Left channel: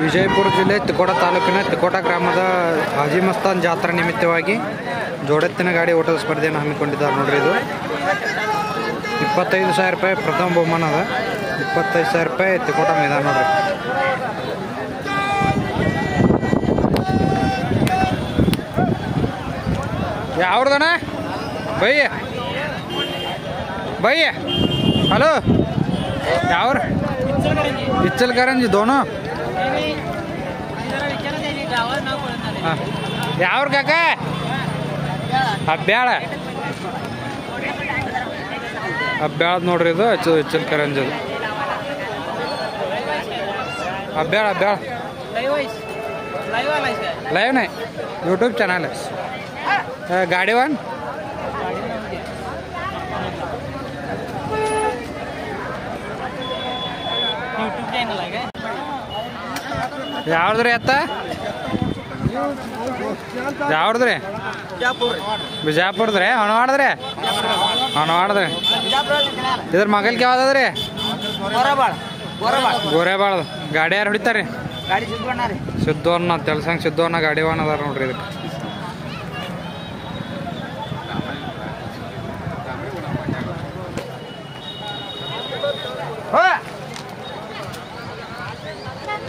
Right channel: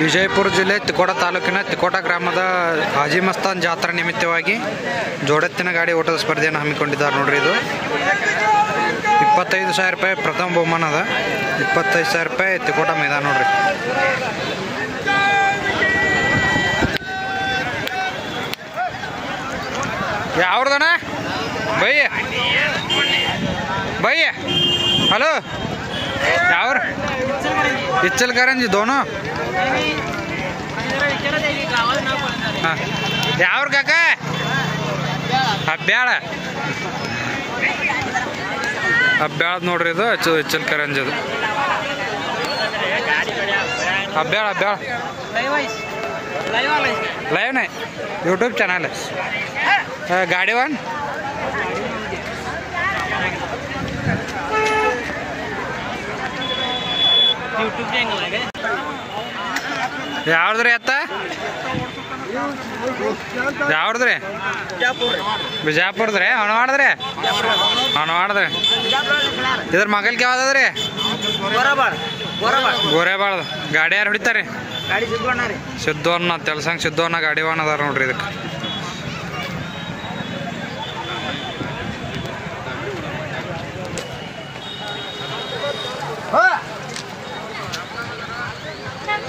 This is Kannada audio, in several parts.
ವಿಜಯಪುರ ಜಿಲ್ಲೆ ತಿಕೋಟ ತಾಲೂಕಿನ ತಿಕೋಟ ಗ್ರಾಮದ ಹಾಜಿ ಮಸ್ತಾನ್ ಜಾತ್ರಾ ನಿಮಿತ್ತವಾಗಿ ಜೋಡೆತ್ತಿನ ಗಾಡಿ ಓಟದ ಸ್ಪರ್ಧೆಯನ್ನು ಹಮ್ಮಿಕೊಂಡಿದ್ದಾರೆ ನೋಡ್ರಿ. ಇದು 25,000 ರೂಪಾಯಿ ಪ್ರಥಮ ಬಹುಮಾನ ಅದ. 25,000 ರೂಪಾಯಿ ತಿಕೋಟ ಮೈದಾನ ನೋಡ್ರಿ. ಯಾವ್ದನ ಬಯ್ಯ ಬಯ್ಯ ಹಲೋ ಯಾವ್ರ ಇಚ್ಚಲ್ಕರಂಜಿ ದೋನು ಹಾಂ ಯಾವ್ರ ಕಾಕ ಹಬ್ಬ್ಯಾಳ ಹಬ್ಬ್ಯಾಳದ ನೋಡ್ರಿ. ಇದು ಇಚ್ಚಲ್ಕರಂಜಿ ಅದು ಹಬ್ಬ್ಯಾಳ ಹಬ್ಬ್ಯಾಳ लाइव नहीं यूट्यूब चैनल है गाड़ी वन ಯಾವ್ದ್ರಿ ಅತ್ತ ಯಾವ್ದ್ರಿ ಬಿಜಾಪುರದ್ರಿ ಹೊಣವಾಡದ್ರಿ ಹೊಣವಾಡದ್ರಿ ಇದ್ರ ಮಗಲ್ಗೆ ಯಾವ್ದದ್ರಿ ಗೋರೆಬಾಳ್ದು ಗಾಡಿ ಯಾರು ಹೊಡಿತಾರ್ರಿ ಸಿದ್ದವನ್ನ ತೆಲ್ಸಂಗ್ ಸಿದ್ದವನ್ನ ಗಾಡಿ ವಾನ್ ಅದಾರ ನೋಡ್ರಿ. ಇದಕ್ಕೆ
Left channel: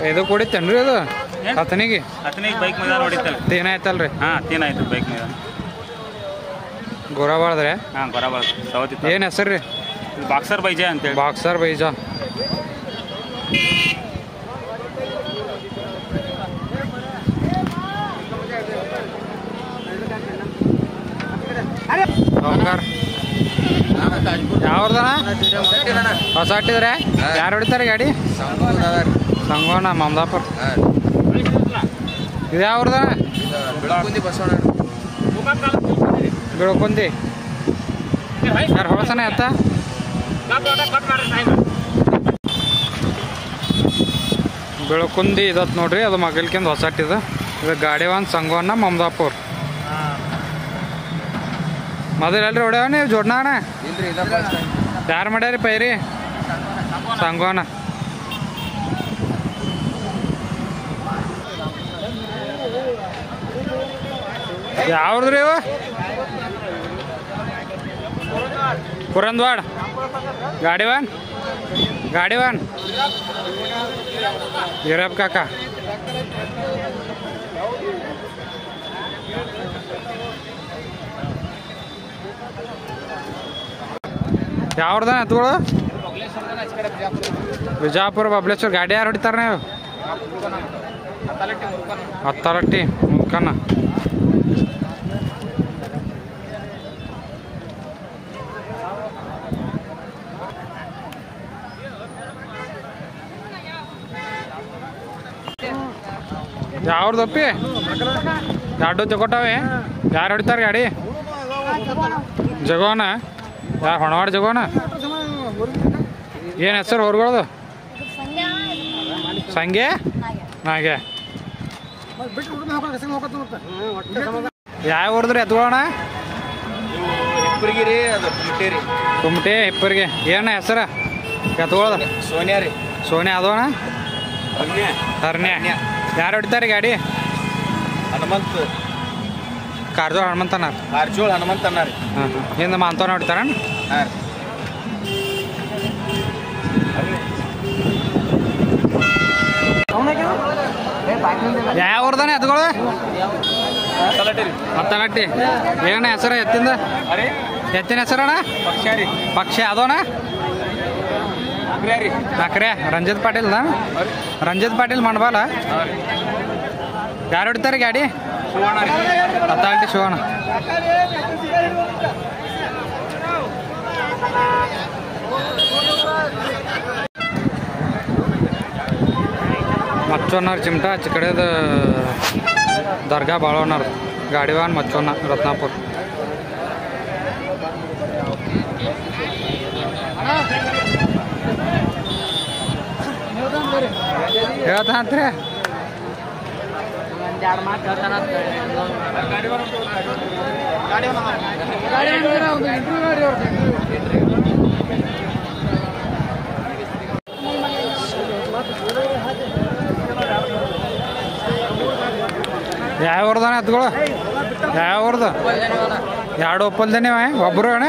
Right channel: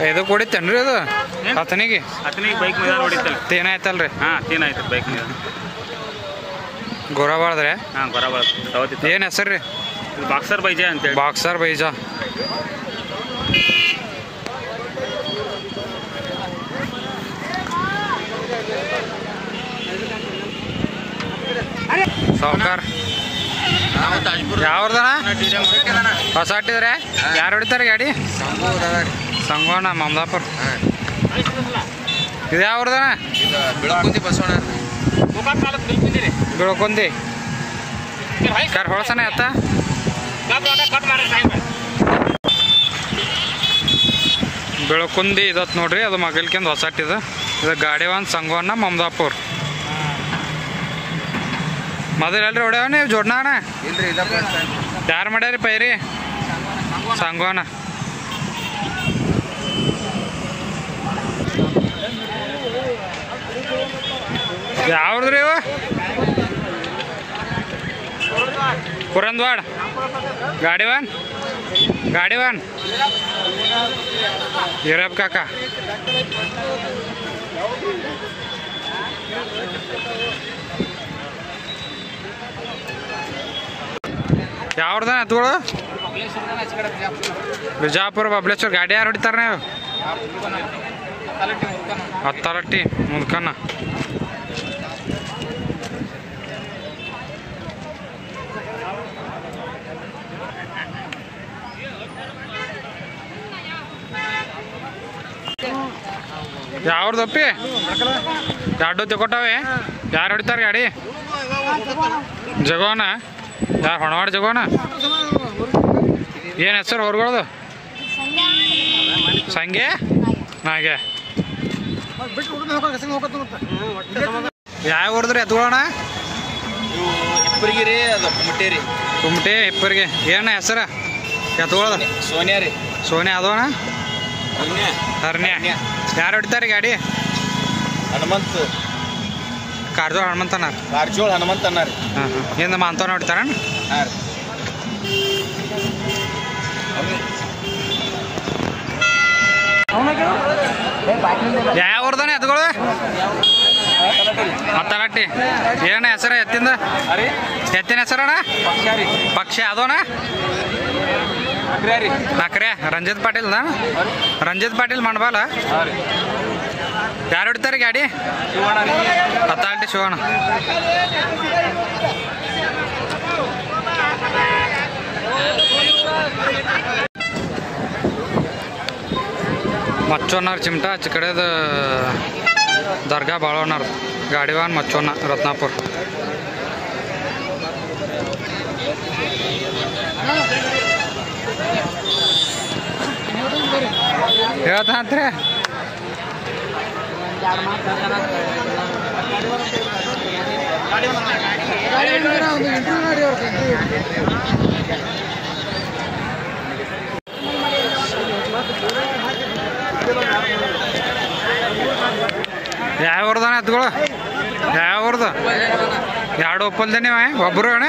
ಇದು ಕುಡಿತೇನ್ರಿ ಇದು ಹತ್ತನಿಗೆ ಏನಾಯ್ತಲ್ರಿ ಗೋರಾಬಾಳ್ದ್ರಿ ಏನ್ ಹೆಸರ್ರಿ ಬಾಕ್ಸರ್ ಬೈಜಾ ಅಂತ ಬಾಕ್ಸರ್ ಬೈಜಾ ಸಾವುಕಾರ ಯಾವ್ದನ ಹೊಸ ಹಟ್ಟಿದ್ರೆ ಯಾರು ಹೊಡಿತಾರೆ ಗಾಡಿ ಸಂಗೋಣ ಮಮದಾಪುರ ಇದು ಯಾವ್ದನ ಬಿಳ್ಕೊಂದಿ ಯಾರು ಹೊಳಸನ ಎತ್ತ ಬೆಳಕುಂದಿ ಇದತ್ ನೋಡ್ರಿ. ಅದು ಮಗಲ್ಕಿಂದ ಹೊಸ ಹಟ್ಟಿದ. ಇದು ಗಾಡಿ ಒಂದು ಸಂಗೋಣ ಮಮದಾಪುರ್ ಮೊದಲಲ್ರಿ ಹೊಡ್ಯಾವ ನೀವು ಜೋಡ್ನಾಣ ಯಾರು ಮಾಡ್ಯಾರಿ ಪೈರಿ ಸಂಗೋಣ ಯಾವ್ದ್ರಿ ಇವ ಪುರಂದ್ವಾಡ ಗಾಡಿ ವಾನ್ ಯೂರಪ್ ಕಾಕ ಯಾವ್ದ ಎತ್ಗಳು ಬಿಜಾಪುರ ಬಬ್ಲೇಶ್ವರ ಗಾಡಿ ಯಾರು ಹೊಡಿತಾರ ನೀವು ಹತ್ತಾರಟ್ಟಿ ಮುದ್ಕನ್ನ ಯಾವ್ದಪ್ಪಿ ಎರಡು ತಗೊಟ್ಟಾವೆ ಯಾರು ಹೊಡಿತಾರ ಗಾಡಿ ಜಗೋನ ಯಾರು ಹೊಣವಾಡ ಜಗೋನ ಏನು ಹೆಸರು ಹೊರಗಳದು ಸಂಗೆ ಹಾಗೆ ಯಾವ ಊರದ್ರಿ ಎತ್ಕೊಳ್ಳೋಣ ಕುಮಟೆ ಇಪ್ಪರಿಗೆ ಏನ ಹೆಸರ ಎತ್ಕೊಳ್ಳೋದು ಸೋನ್ಯಾ ಅದೋಣ ಹರ್ನ್ಯಾ ಯಾರು ಹೊಡಿತಾರೆ ಗಾಡಿ ಕಾರ್ಜೋಳ ಹನುಮಂತ ಅನ್ನಾರ ಹಾಂ ಏನು ಮಾಂತವನ ಹೊಡಿತಾರ ಯಾವ ಊರ್ದಾನೆ ಎತ್ಗಳು ಹತ್ತಲಟ್ಟಿ ಏನ ಹೆಸರ ಎತ್ತಿನ ಹೆಸರಣ್ಣ ಪಕ್ಷ ಅದೋಣ ನಕ್ರೆ ರಂಜಿತ್ ಪಾಟೀಲ್ ಮಣ್ಬಾಲ ಯಾರು ಹೊಡಿತಾರೆ ಗಾಡಿ ಹತ್ತಲಟ್ಟಿ ಶಿವಣ್ಣ ಮಚ್ಚೋನಾರ್ ಚಿಮಟ ಆಚೆ ಕಡೆದ ದರ್ಗಾ ಬಾಳೋನಾರ್ ಗಾಡಿವಾನ್ ಮಚ್ಚೋನ ರತ್ನಾಪುರ ಹೇಳ್ತಾಂತ್ರಿ ಯಾವ ಊರ್ದಾನ ಎತ್ಗಳು ಯಾವ ಊರ್ದು ಎರಡು ಒಪ್ಪಲ್ದ ನೀವು ಒಬ್ಬರು ಅಣ್ಣ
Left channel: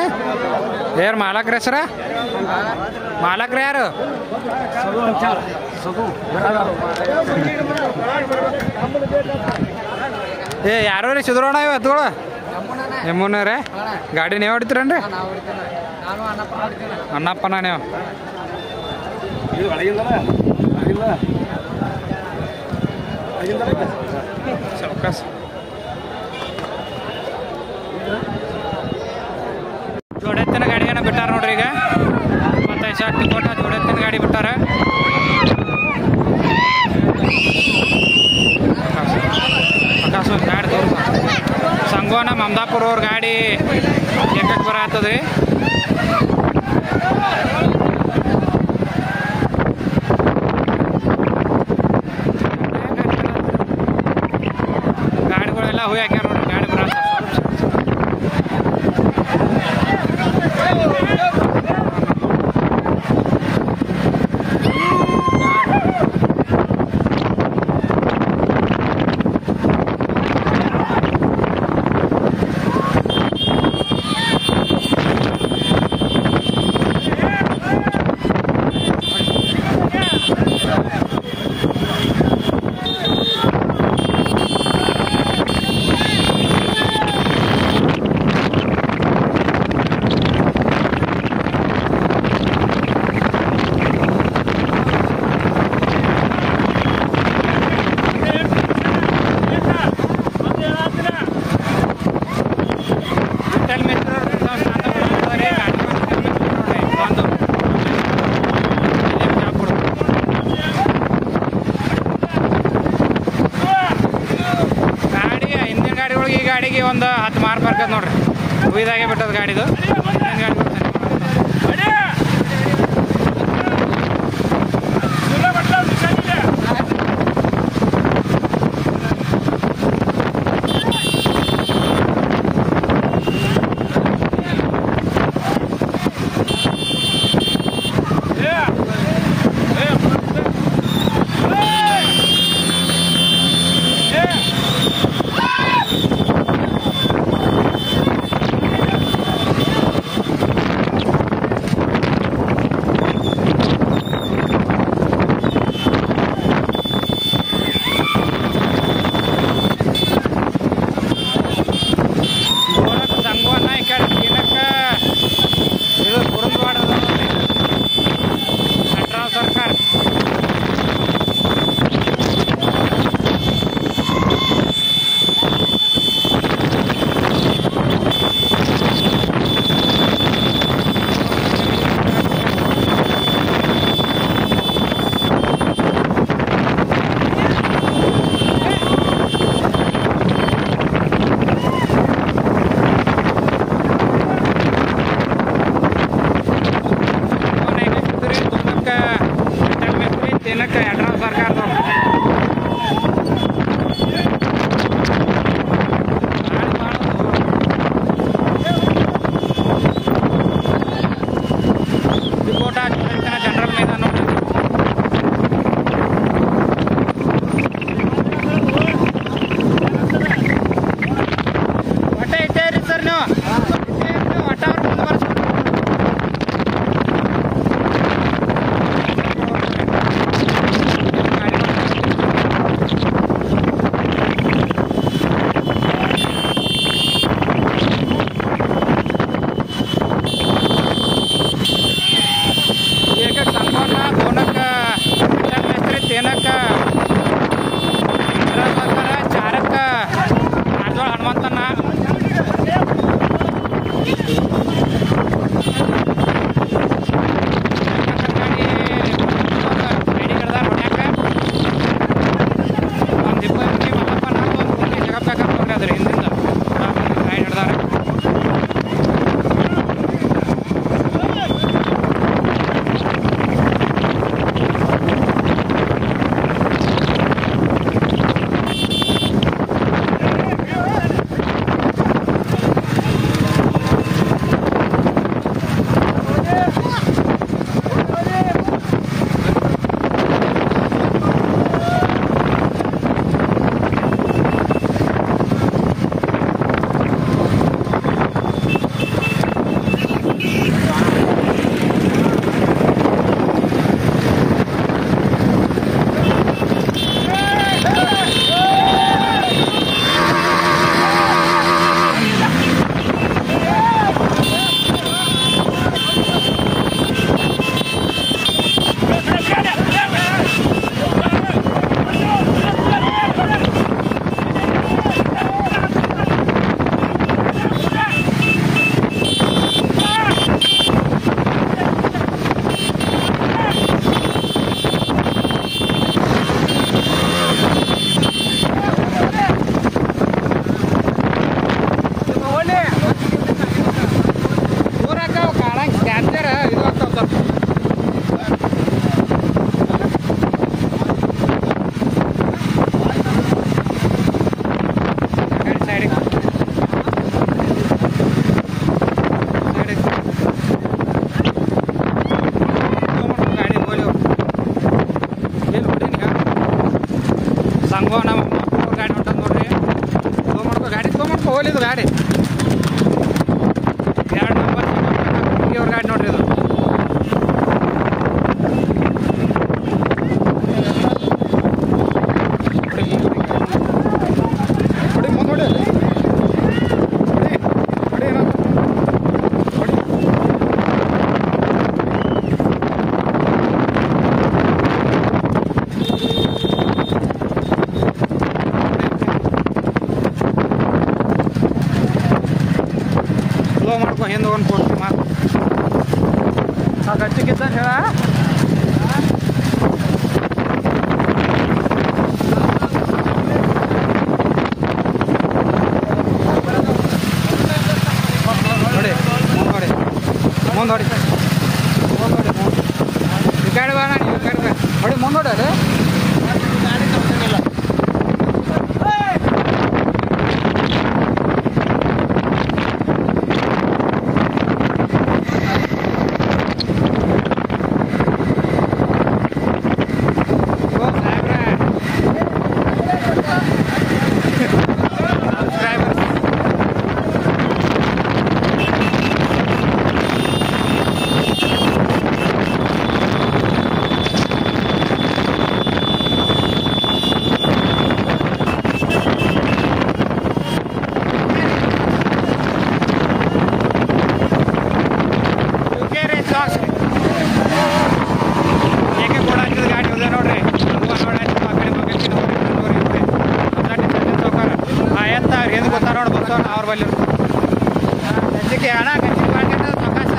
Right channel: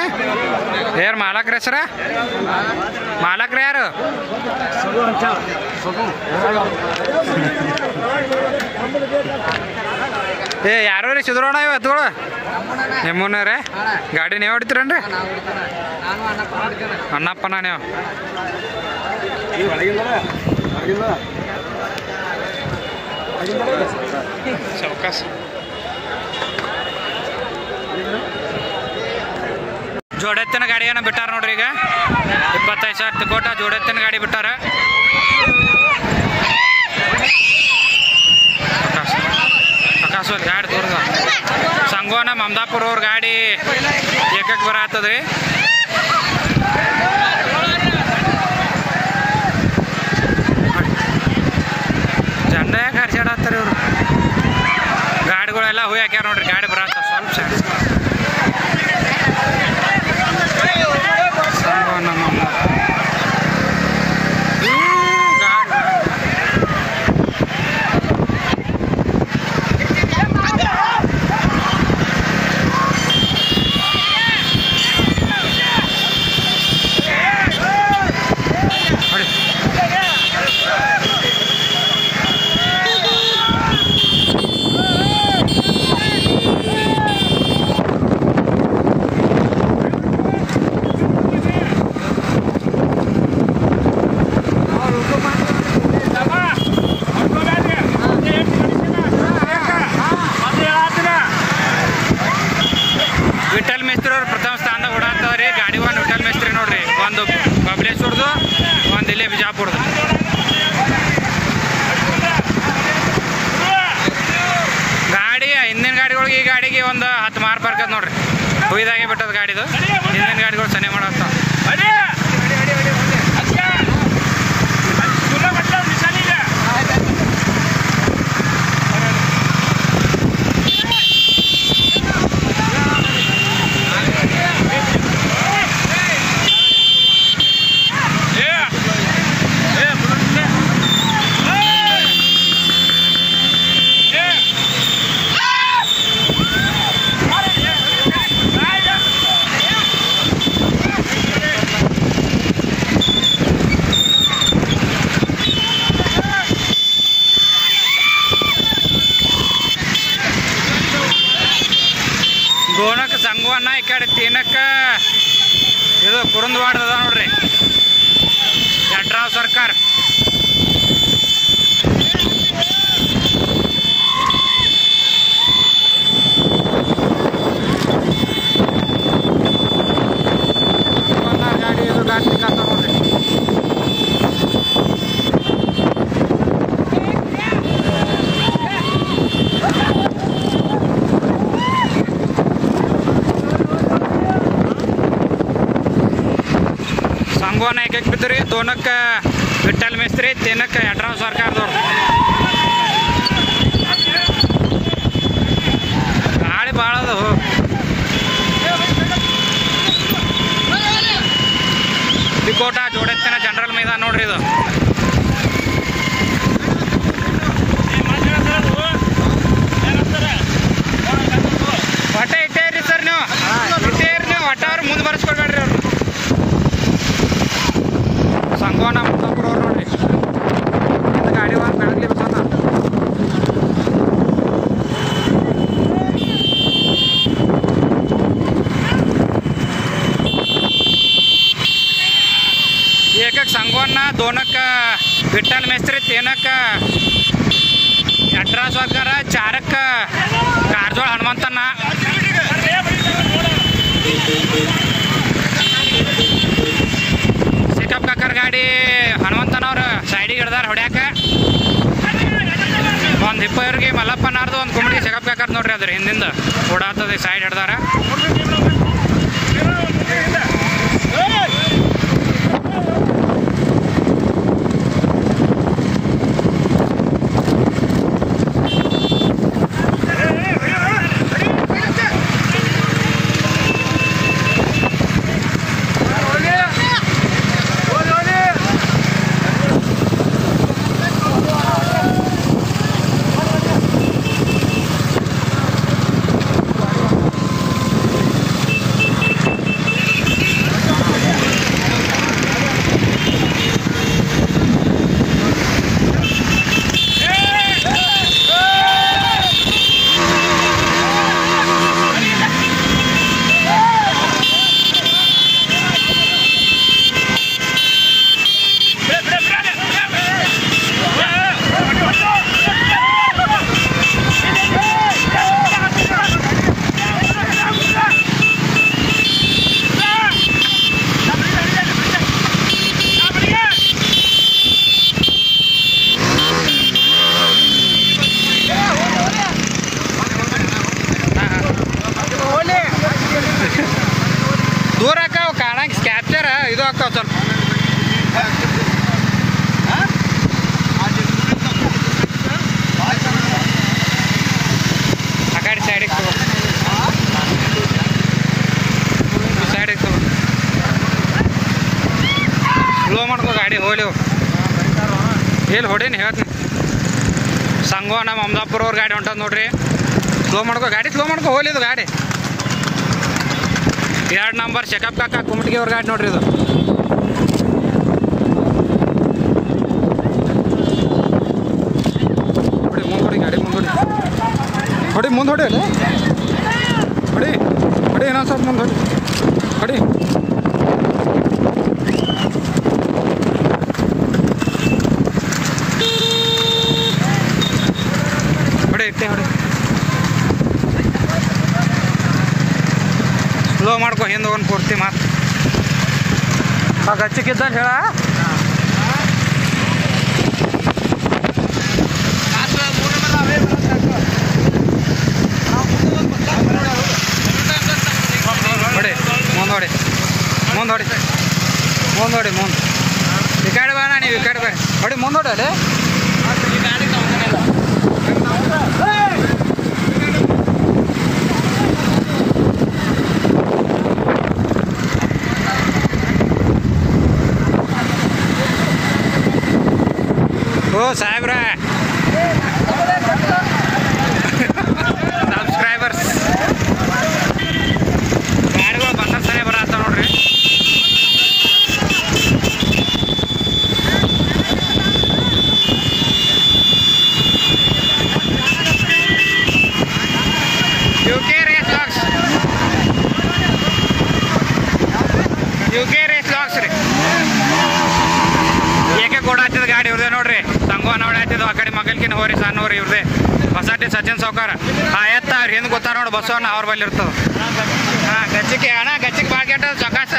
ಯಾರು ಮಾಲಕ್ರ ಹೆಸರ ಮಾಲಕ್ರ ಯಾರು ಯಾರು ರೀ ಸಿದ್ರೋಣ ಇವು ಎತ್ಗಳು ನಿಮ್ಮನ್ನ ರೀ ಗಾಡಿ ನೀವು ಹೊಡಿತೀರನ್ರಿ ಅಣ್ಣಪ್ಪನ ನೀವು ಜೋಡೆತ್ತಿನ ಗಾಡಿಯನ್ನು ಬಿಟ್ಟಾರ ನೋಡ್ರಿ ಈಗ 25,000 ತಿಕೋಟ ಜೋಡೆತ್ತಿನ ಗಾಡಿ ಬಿಟ್ಟಾರ ಆಕಾಶ ಗಾಡಿ ತೋರ್ಸ ಸಂಗೋನ ಮಮದಾಪುರ ಅವ್ರ ಗಾಡಿ ಏಕಕ್ಕೆ ಬರತ್ತದ್ರಿ ಚಂದ ಗಾಡಿ ಆಡತ್ತಾರೆ ಅವ್ರು ಗಾಡಿಗಳೆಲ್ಲ ಹೂವು ಹಾಕ್ಯಾರ ನೋಡ್ರಿ ಗಾಡಿ ಬರತ್ತ ಸ್ವಲ್ಪ ವಿಠಲ್ ಮೇಸ್ತ್ರಿ ಅವ್ರು ಪ್ರಥಮ ಸ್ಥಾನ ಓಡಾಡ್ತವ್ರಿ ಗಾಡಿ ಒಂದು ವಿಠಲ್ ಮೇಸ್ತ್ರಿ ನೋಡ್ರಿ ಒಂದು ಬಬಲೇಶ್ವರದು ಒಂದು ಇಲ್ಲಿ ಬಿಜಾಪುರದು ಗಾಡಿ ಹಿಂದಿನ ಗಾಡಿಗಳಿಗೆ ಈ ಗಾಡಿಗೆ ಒಂದು 10 ಮಾರ್ಕ್ ಬರ್ತದೆ ನೋಡ್ರಿ ಹುಯ್ದಾಗೆ ಬಿಟ್ಟದ ಗಾಡಿದು ಹಿಂದಿನ ಗಾಡಿಗಳು ಸನಿ ಮಾಡತ್ತ ಸಂಗವನ್ನ ಈ ಕಡೆ ತೀನಕ್ಕ ಇದು ಕುರುಂದವಾಡ ಅದ ನೋಡ್ರಿ ನಟರಾವ್ ಸರ್ಕಾರ ಬಿದ್ರಿ ದೋನಕ್ಕ ವಿಠಲ್ ಮೇಸ್ತ್ರಿ ತಿನ್ನಕ್ಕ ನಟರಾವ್ ಸರ್ಕಾರದವ್ರು ಗಾಡಿ ಭಾಳ ಅದಾವು ತಿಕೋಟ ಜೋಡೆತ್ತಿನ ಜನರಲ್ ಮೈದಾನ ನೋಡ್ರಿ ಇದು ಒಟ್ಟ ಇಟ್ಟೇ ಇರಿ ಸರ್ ನೀವು ಇಟ್ಟೇ ಇರಿ ನೀವು ಒಟ್ಟ ಅವ್ರು ಮುಂದೆ ಬರ್ಸ್ಕೊಡ್ಬೇಡ್ರಿ ಅವ್ರು ಸಂಗೋನ ಮಮದಾಪುರ ಅವ್ರು ನೋಡ್ರಿ ಗಾಡಿ ಏಕಕ್ಕೆ ಸಂಗೋನ ದೋನಕ್ಕ ವಿಠಲ್ ಮೇಸ್ತ್ರಿ ತೇನಕ್ಕ ನಟರಾಜ್ ಸರ್ಕಾರ ಚಾರಕ್ಕ ಕಾರ್ಜೋಳ ಹನುಮಂತಣ್ಣ ಸಿಟಪ್ ಕಾಕರ್ ಗಾಡಿ ಹನುಮಂತನವ್ರು ಸೈಡಿಗೆ ಹಿಡ್ದಾರ ಹೊಡ್ಯಾಕ ಒಂದು ಇಪ್ಪವ್ರಿಗೆ ಮಲ್ಲಪ್ಪನಾರ್ದು ಒಂದು ಕುಂಡಿ ಸಿಟಪ್ ಕಾಕರ್ ನೋಡ್ರಿ ಅದ್ರ ಹಿಂದಿಂದ ಓಡಾಡ್ತದೆ ಸೈಡ್ ಹಿಡ್ದಾರ ಹೊಡಿಲ್ ಹೊಡೀನಿ ಹೇಳಿ ಸಂಗೋ ನಮ್ಮ ಅಮದಾಪುರ ಅವ್ರ ಗಾಡಿ ಹೊಂಟದ ನೋಡ್ರಿ. ಸ್ಲೋ ಮಾಡ್ಕೊ ಹೋಲಿದು ಗಾಡಿ 2 ನಂಬರ್ ಚೆಕಪ್ ಕಾಕ ಕುಮಟಿಗೆ ಅವ್ರ ಗಾಡಿ ನೋಡ್ರಿ ಇದು. ಹೊಡಿ ಮುಂದೆ ಹೊಡಿ ಇನ್ನೊಂದು ಸ್ವಲ್ಪ ಮುಂದೆ ಹೊಡಿ ಸ್ಲೋ ಮಾಡ್ಕೊ ಹಿಂದೆ ಒಂದು ಕೊಡ್ತಿ ಮಾತು ಗಚ್ಚಿಗಿದ್ದ ಹೇಳ. ಮುಂದೋಡಿ ಈ ಕಡೆ ಬೇಡ ನೀವು ಈ ಕಡೆ ಬೇಡ ಹೊಡಿ ಮುಂದೋಡಿ ಓ ಸಾಹೇಬ್ರ ಸಬ್ಸ್ಕ್ರೈಬರ್ಸ್ ಸಾಹೇಬ್ರ ಅಂತ ನೋಡ್ರಿ. ಏಕೆ ಕೂಡ ಹತ್ತಿದ ಗಾಡಿ ಇವ್ರದೇ ನೋಡ್ರಿ. ಸಂಗೋ ನೋಡಿ ಹತ್ತಿದ್ದು ಆ ಕಡೆ ಮಗಲ್ಕಿನ ಹೋರಿ ಸಣ್ಣವ್ರಿ ಇವ್ರದೇ ಹೊಸಟಿ ಸಚಿನ್ ಸೌಕರ್ ಎತ್ತ ಅವ್ರು ಏನು ಗೊತ್ತಾರ ನೋಡಿ ಬಸವಣ್ಣ ಅವ್ರ ಬಲ್ಲಿ ಇರ್ತದ. ಹಾಂ ಗಚ್ಚಿಗೆ ಭಾಳ ಕೆಟ್ಟ ಚೌಕಾಸ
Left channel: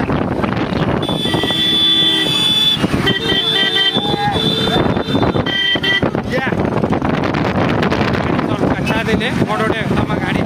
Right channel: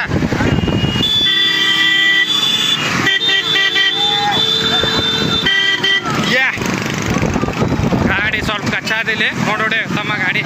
ಗಾಡಿ ಸ್ವಲ್ಪ ಕಚ್ಚಾದಿಲ್ಲಿ ನೋಡೋಡಿ ತಮ್ಮ ಗಾಡಿ.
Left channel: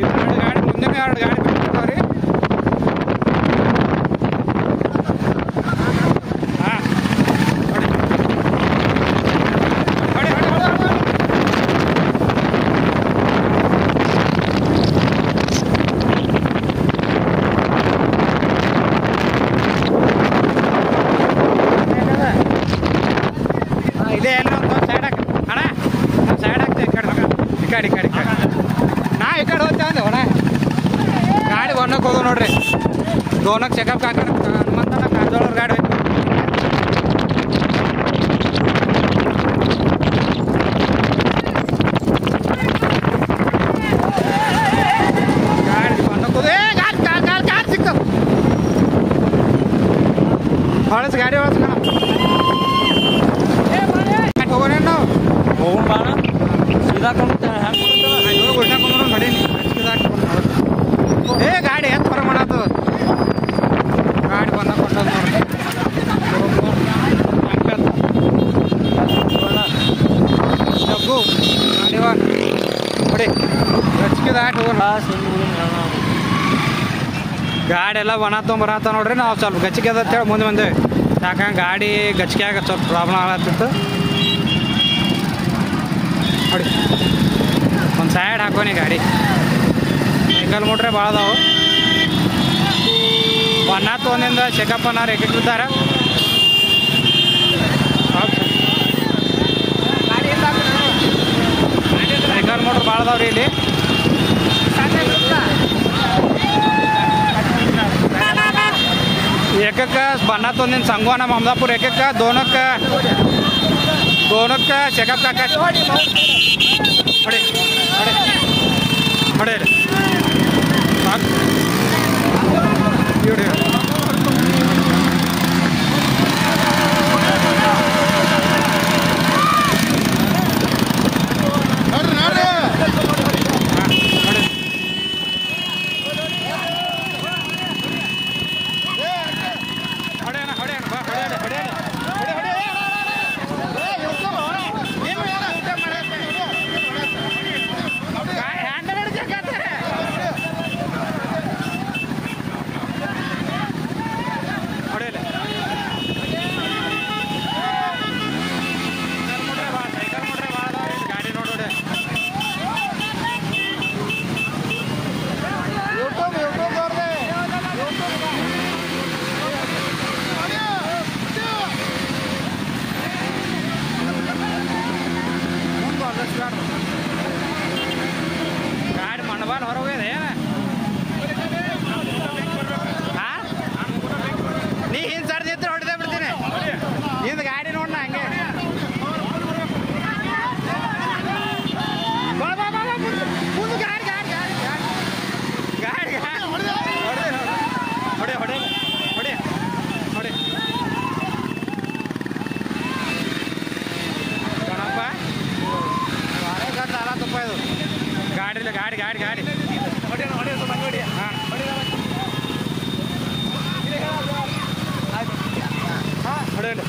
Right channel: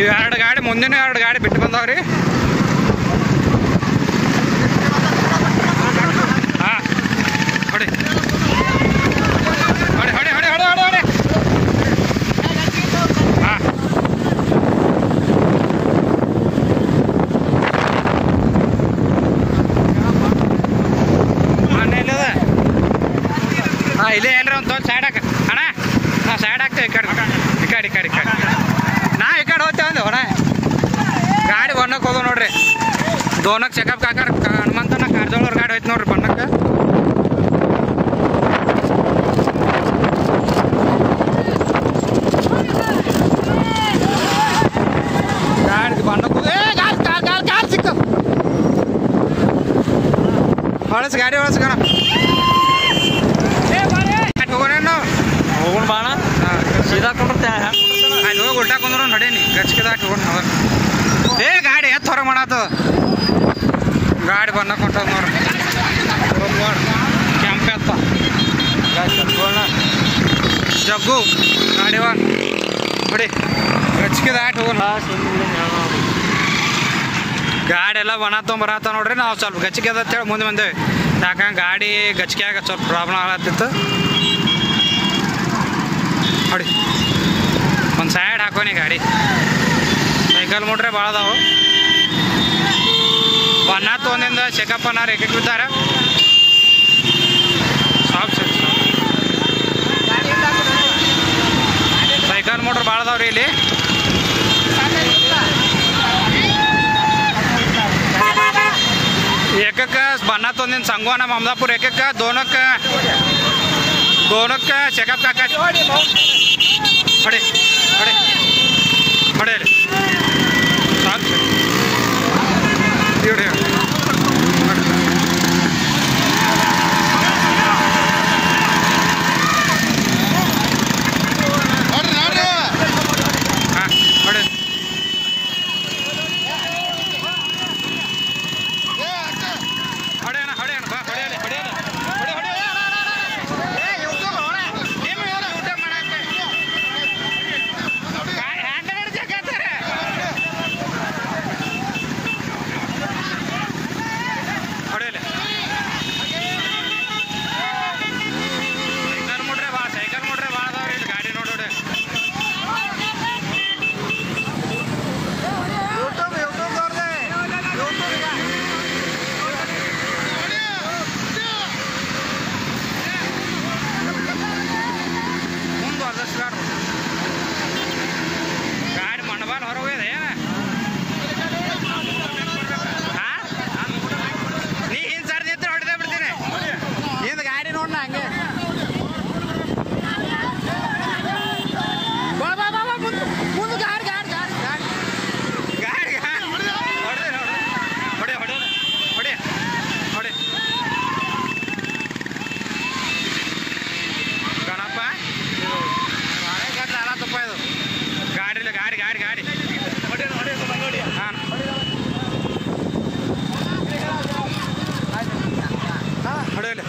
ಇವು 2 ಗಾಡಿ ಮುಂದಿನ 2 ಗಾಡಿ ಬಿಟ್ಟು ಬಂದವ್ರಿ. ಹಾಂ ಹೊಡಿ ಹಾಂ ಮನೆಯಲ್ಲದ ಹಾಂ ಇಲ್ಲೇ ಎಲ್ಲರ ಒಂದು ಸೈಡ್ ಹಾಕ ಅಣ್ಣ. ಹಾಂ ಸೈಡ್ ಹಾಕ್ತೆ ಈ ಕಡೆ ನಾ ಈ ಕಡೆ ಹೋಗ್ತೇವೆ ಅಂದೆ ಹೊಣ ಗಾಡಿ ಬಣ್ಣಕ್ಕೆ ಹೋದವು ನೋಡ್ರಿ. ದೋನಕ್ಕೆ ಚೆಕಪ್ ಕಾಕರ್ ಹನುಮಂತನ ಕಾರ್ಜೋಳವ್ರ ಗಾಡಿ ಹೋಯ್ತು ನೋಡ್ರಿ ಬಣ್ಣಕ್ಕೆ. ಗಾಡಿ ಬಣ್ಣಕ್ಕೆ ಹೋದ ಕಾರ್ ಸಿಕ್ಕ ಹೊಳಸ್ ಗಾಡಿ ಹೊಳಸ್ಕಣ ಹೋಗೋಣ ನಾವು ಹೋಗೋಣ ಬಾಣ. ಹಾಂ ಸೀದಾ ಕೊಂಡ್ತೆ ಅಲ್ಲಿ ಹೋಗಿ ಉಲ್ಟಾ ಕೊಂಡ್ರು ನಡೀನಿ ಗಚ್ಕಿದಾಟ ಹೋಗೋಣ ಅವಾಗ. ಗಾಡಿ ಎತ್ತು ಹೊರ ಮಾಡತ್ತದ ಗಾಡಿ ಬಂದ ಕೊಟ್ಟದ ನೋಡ್ರಿ. ಕೆಂಪತ್ತ ಜಗ್ಗು ಗಾಡಿ ನೋಡಿ ಗಚ್ಕಿದಾಟ ಹೋಗೋಣ. ಗಾಡಿ ಎಲ್ಲ ಬಣ ತೊಗೊಂಬರತ್ತ ನೋಡ್ರಿ. ನಾವು ಸ್ವಲ್ಪ ಗಚ್ಚಿಗೆ ಅದ ಅಂತೇಳಿ ಮುಂದೆ ಬಂದೇವೆ. ಯಾಕಂದ್ರೆ ಗಾಡಿ ಗಚ್ಚಿಗೆ ಆಗ ಸ್ವಲ್ಪ ಪ್ರಾಬ್ಲಮ್ ಆಗತ್ತಿತ್ತು ನೋಡಿ. ಒಂದು ಸೈಡ್ ಹಾಕೋನಿ ಗಾಡಿ. ಸೈಕಲ್ ಮೋಟ್ರೆ ಭಾಳ ಅದಾವು. ಬಣ್ಣ ತೊಗೊಂಡಿಂದ ಚೆಕಪ್ಪನಾರು ಏಕೆ ಬಿದ್ದಾರ ಸೈಕಲ್ ಮೋಟ್ರ್ ಭಾಳ ಅದಾವ್ರಿ ಇಲ್ಲಿ. ಏಕಕ್ಕೆ ಬಣ್ಣ ತೊಂದಿನ ಸಂಗೋ ನಮ್ಮ ಅಮದಾಪುರ ಏಕಕ್ಕೆ ದೋನಕ್ಕೆ ಚೆಕಪ್ ಕಾಕ ಹೊಡಿ ಸಾಕು ಇವ್ರಿ. ಹಾಂ ಹೊಡಿ ಹೊಡೆಯೋಣ ಬಾ ಹೊಡೆಯೋಣ ಗಾಡಿ ಗಾಡಿ ಹಾಂ ಹೊಡೆಯಲ್ಲ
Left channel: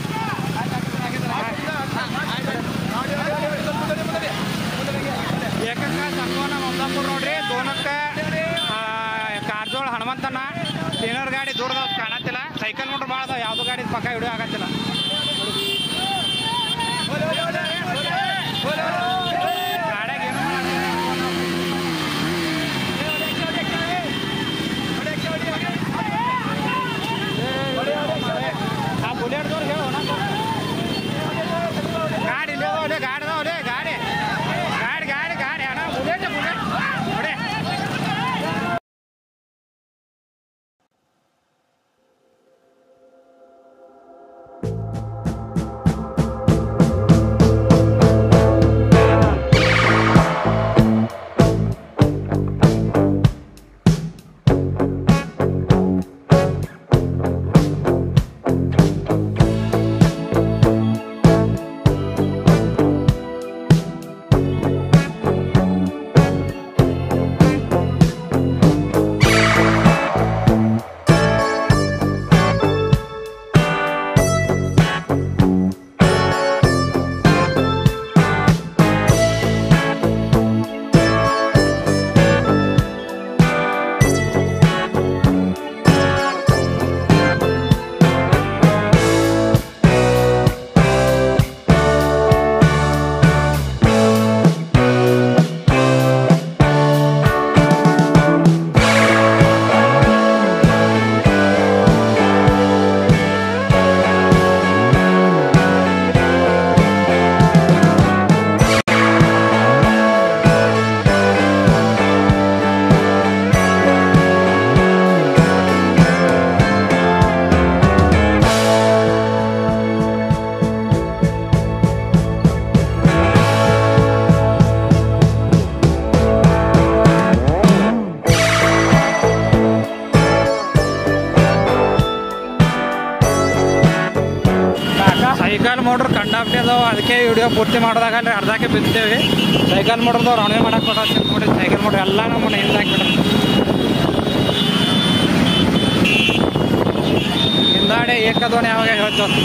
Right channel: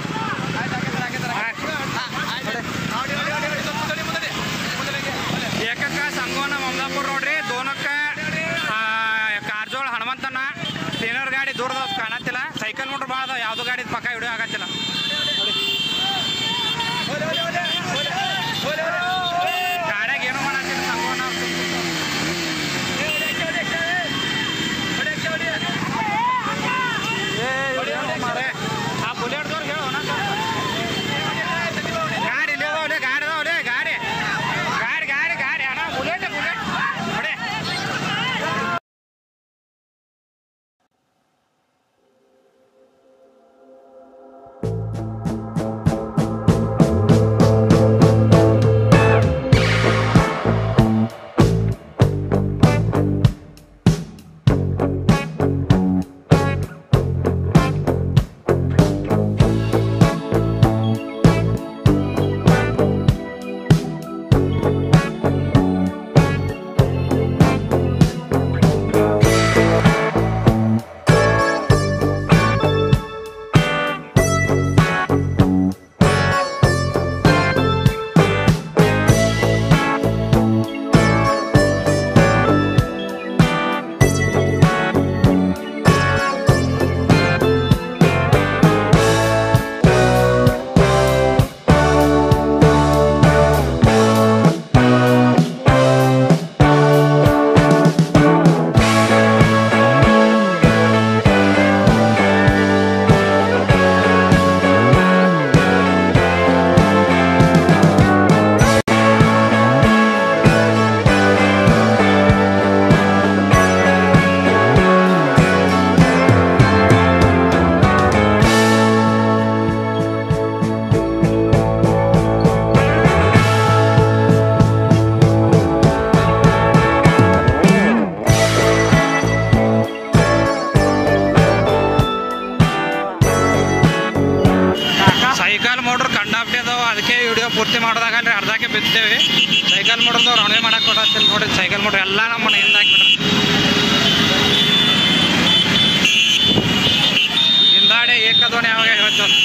ಏಕಕ್ಕ ಸಂಗೋನ ಮಮದಾಪುರ ನೋಡ್ರಿ ದೋನಕ್ಕ ಕಾರ್ಜೋಳ ಹನುಮಂತನ ಟೀನರ್ ಗಾಡಿ ದೂರದ ಕಾಣತ್ತಿಲ್ಲ ಸೈಕಲ್ ನೋಡ್ರಿ ಭಾಳ ಅದಾವ ಯಾವ್ದು ಗಾಡಿ ಪಕ್ಕ ಹಿಡಿಯೋ ಆಗತ್ತಿಲ್ಲ ಗಾಡಿಯಾಗ ಏನೋ ಮಾಡತ್ತಿಲ್ಲ ಸಂಗೋನ ಆ ಬುಲೆಟ್ದವ್ರು ಹೇಳೋಣ ಗಾಡಿ ಇಲ್ಲಿ ಅದಾವಲೆ ಗಾಡಿ ಅದಾವಲೆ ಗಾಡಿ ಗಾಡಿ ಗಾಡಿ ಗಾಡಿ ಅಣ್ಣ ಬುಲೆಟ್ ಬುಲೆಟ್ ಹೊಡೆ ಸೈಕಲ್ ಮೋಟ್ರ್ ಕಂಡಾಪ್ಟಿ ಅದಾವ ಅದಕ್ಕೆ ವಿಡಿಯೋ ಪೂರ್ತಿ ಮಾಡೋದಾಗಲ್ರಿ ಅರ್ಧಕ್ಕೆ ಬಿತ್ತೇವಿ ಸೈಕಲ್ ಮೋಟ್ರದವ್ರು ಅವನೇ ಮಾಡಕ್ಕೆ ಕೊಡತ್ತೀನಿ ನೋಡ್ರಿ ಸೈಕಲ್ ಮೋಟ್ರ್ ಎಲ್ಲ ನಮ್ಮ ಮನೆಯಿಂದ ಹಾಕ್ಬಿಡ್ರಿ ಹಿಂದಾಡೆ ಏಕದೋಣೆ ಯಾವಾಗ ಹೇಳ್ತೇವೆ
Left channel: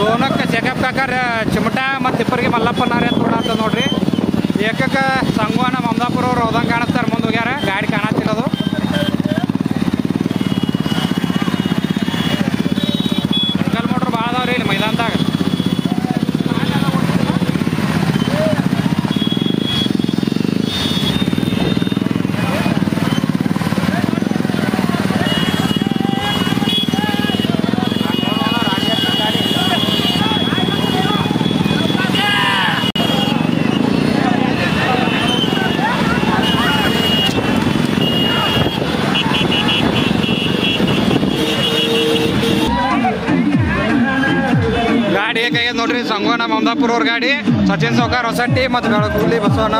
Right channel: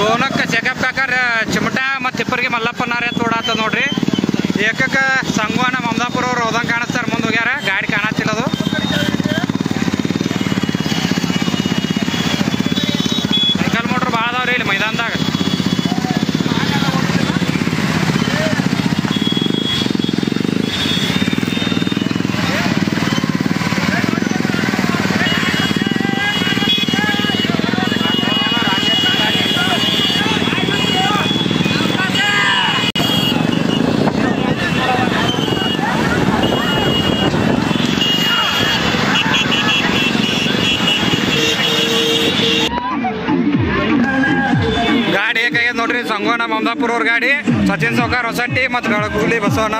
ಗೋನಕ್ಕೆ ಚೆಕಪ್ ಕಾಕರ್ ಚಿಮಟ ಮತ್ತು ತಿಪ್ಪರಿಗೆ ಮಲ್ಲಪ್ಪನಾರ ತೋಡಾತ ನೋಡ್ರಿ ಏಕಕ್ಕೆ ಸಂಗವಾನ ಮಮದಾಪುರ ಅವ್ರು ಹೋದಂಗೆ ಕಾಣಿಸ್ತಾರೆ ಮುಂದೆ ಹೋಗ್ಯಾರ ಗಾಡಿ ಕಾಣತ್ತಿಲ್ಲದು ಸೈಕಲ್ ಮೋಟ್ರ್ ಭಾಳ ಅದಾವ್ರಿ ಇಲ್ಲಿ ಮೈದಾನದಾಗ ಗಾಡಿ ಹೇಗಾಗ್ಯದ ನೋಡ್ರಿ ಸಂಗೋನ ಮಮದಾಪುರ ಅವ್ರ ಗಾಡಿ ಸಚಿನ್ ಸೌಕಾರ್ ಹೊಸಟ್ಟಿ ಮತ್ತು ಬೆಳಗುಲಿ ಬಸವನ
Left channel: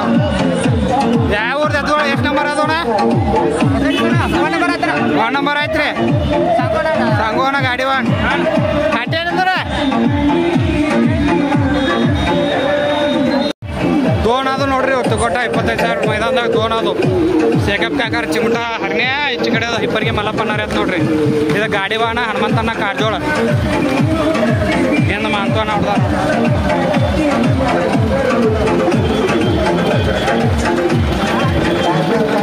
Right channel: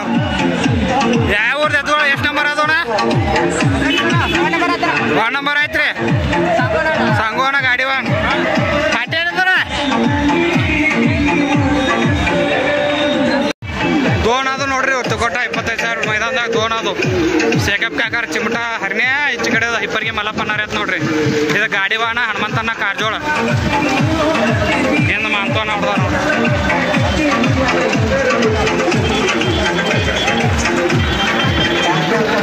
ಯಾವ ಊರ್ದು ಎತ್ತೋಳ ಎಷ್ಟು ನಂಬರ್ ಅದೋಣ 1 ನಂಬರ್ ಐತ್ರಿ ಸಂಗೋನ ಗಾಡಿ ಅಟ್ಟೇನಂದ್ರ ದೋನ್ ಅದು ನೋಡ್ರಿ ತುಗೋಟ 25,000 ಮೈದಾನದಾಗ ದೋನ್ ಅದು ಶೇಖಪ್ ಕಾಕರ್ ಚಿಮಟ ಹರ್ನ್ಯ ಈಚೆ ಕಡೆ ಹಿಪ್ಪರಿಗೆ ಮಲ್ಲಪ್ಪನಾರ ಐತ್ ನೋಡ್ರಿ ಇದು ಗಾಡಿ ವಾಹನ ಹನುಮಂತನ ಕಾರ್ಜೋಳ ಏನು ಮಾಂತವನ ಹೊಡ್ದ ನೋಡ್ರಿ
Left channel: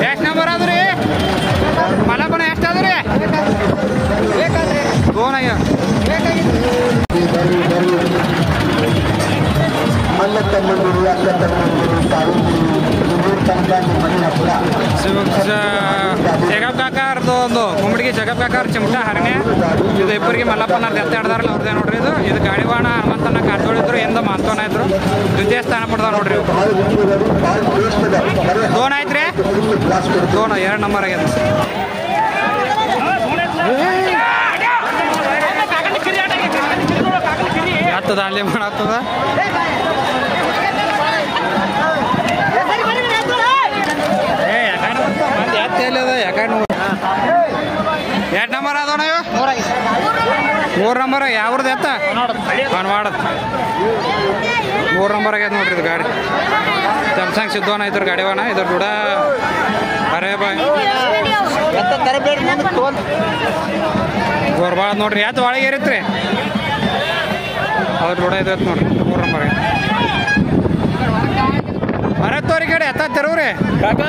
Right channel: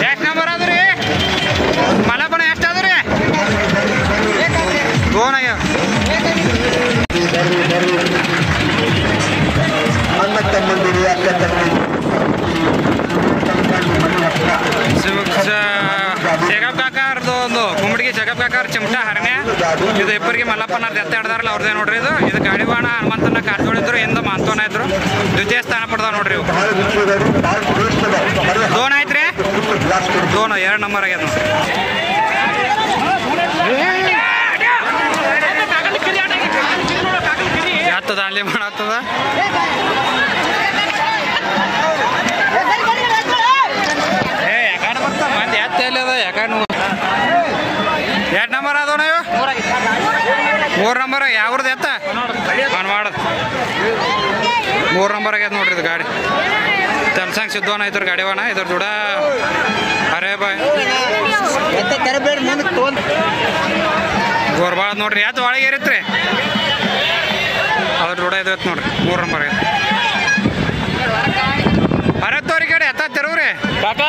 ಎಷ್ಟು ನಂಬರ್ ಅದ್ರಿ ಮಲ್ಲಪ್ಪನ ಎಷ್ಟು ಅದ್ರಿ ದೋನ್ ಆಗ್ಯಾವ ಶೇಖಪ್ ಕಾಕಾರ್ದು ಒಂದು ಕುಂಬಡಿಗೆ ಶೇಖಪ್ ಕಾಕಾರ್ ಚಿಮಟ ಹರಣ್ಯ ಇದು ಇಬ್ಬರಿಗೆ ಮಲ್ಲಪ್ಪನವ್ರದ್ದು ಎತ್ತ ಹಿಡ್ದಾರಲ್ಲ ಅವ್ರದೇ ನೋಡ್ರಿ ಇದು ಗಾಡಿ ವಾಹನ ಹನುಮಂತನ ಕಾರ್ಜೋಳಿದ್ರು ಎಂದ ಮಾಂತವನ ಇದ್ರು ದ್ವಿತೀಯ ಸ್ಥಾನ ಪಡ್ದಾವ ನೋಡ್ರಿ ಇವು ದೋನ್ ಆಯ್ತ್ರಿ ದೋನ್ 2 ನಂಬರ್ ಆಗ್ಯದ ಯಾತದ ಅಲ್ಲಿ ಮಾಡತ್ತದ ಯಾಕಡೆ ಬರ್ತಾ ಮಂದಿ ಯಾತ ಎಲ್ಲಿ ಅದ ಯಾಕಡೆ ಎಷ್ಟು ನಂಬರ್ ಅದವಣ ಇವು 3 ನಂಬರ್ ಯಾವ್ದು ಎತ್ತ ಮಾಡದ್ 3 ನಂಬರ್ ಆಗ್ಯದ ನೋಡ್ರಿ ಇದು ಗಾಡಿ ಸ್ಯಾಮ್ಸಂಗ್ ಸಿದ್ಧವನ ಇದ್ರ ಗಾಡಿ ಅವಣ ಇದ್ರ ದುಡ ಅರೇ ಬಾಯ್ ಗೋರ್ಬಾಳ ನೋಡ್ರಿ ಯಾತ್ ಒಳಗೆ ಇರತ್ರಿ ಅದ್ರ ದುಡ ಇದೈತ್ ನೋಡ್ರಿ 3 ನಂಬರ್ ಆಗೈತೆ ಅರತ್ತವ್ರಿ ಗಾಡಿ ಎತ್ತ ತೆರವ್ರಿ ಕಾಕ